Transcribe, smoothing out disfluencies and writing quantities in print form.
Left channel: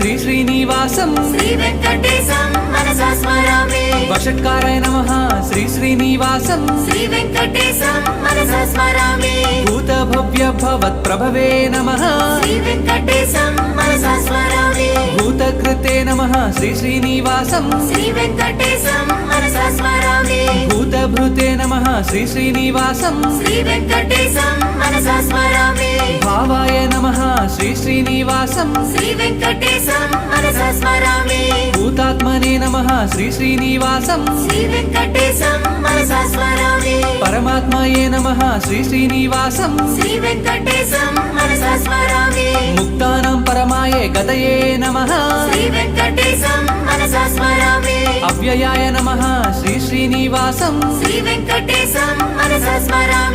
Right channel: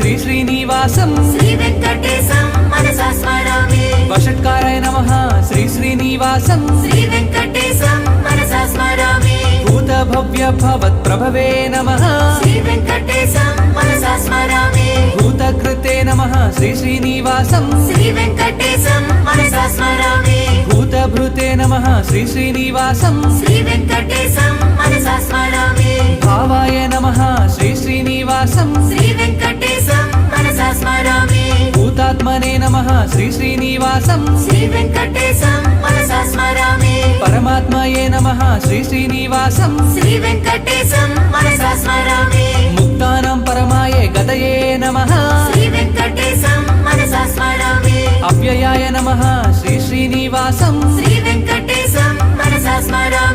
శ్రీ శ్రీనివాసం శ్రీవేంకటేశం మనసా స్మరామి వషట్కారాయ నమః శ్రీ శ్రీనివాసం శ్రీవేంకటేశం మనసా స్మరామి భూత భవ్య భవత్ ప్రభవే నమః శ్రీవేంకటేశం మనసా స్మరామి భూతకృతే నమః శ్రీ శ్రీనివాసం శ్రీవేంకటేశం మనసా స్మరామి భూతభృతే నమః శ్రీ శ్రీనివాసం శ్రీవేంకటేశం మనసా స్మరామి భావాయ నమః శ్రీ శ్రీనివాసం శ్రీవేంకటేశం మనసా స్మరామి భూతాత్మనే నమః శ్రీ శ్రీనివాసం శ్రీవేంకటేశం మనసా స్మరామి పరమాత్మయే నమః శ్రీ శ్రీనివాసం శ్రీవేంకటేశం మనసా స్మరామి ముక్తానాం పరమాయే గతయే నమః శ్రీవేంకటేశం మనసా స్మరామి అవ్యయాయ నమః శ్రీ శ్రీనివాసం శ్రీవేంకటేశం మనసా స్మరామి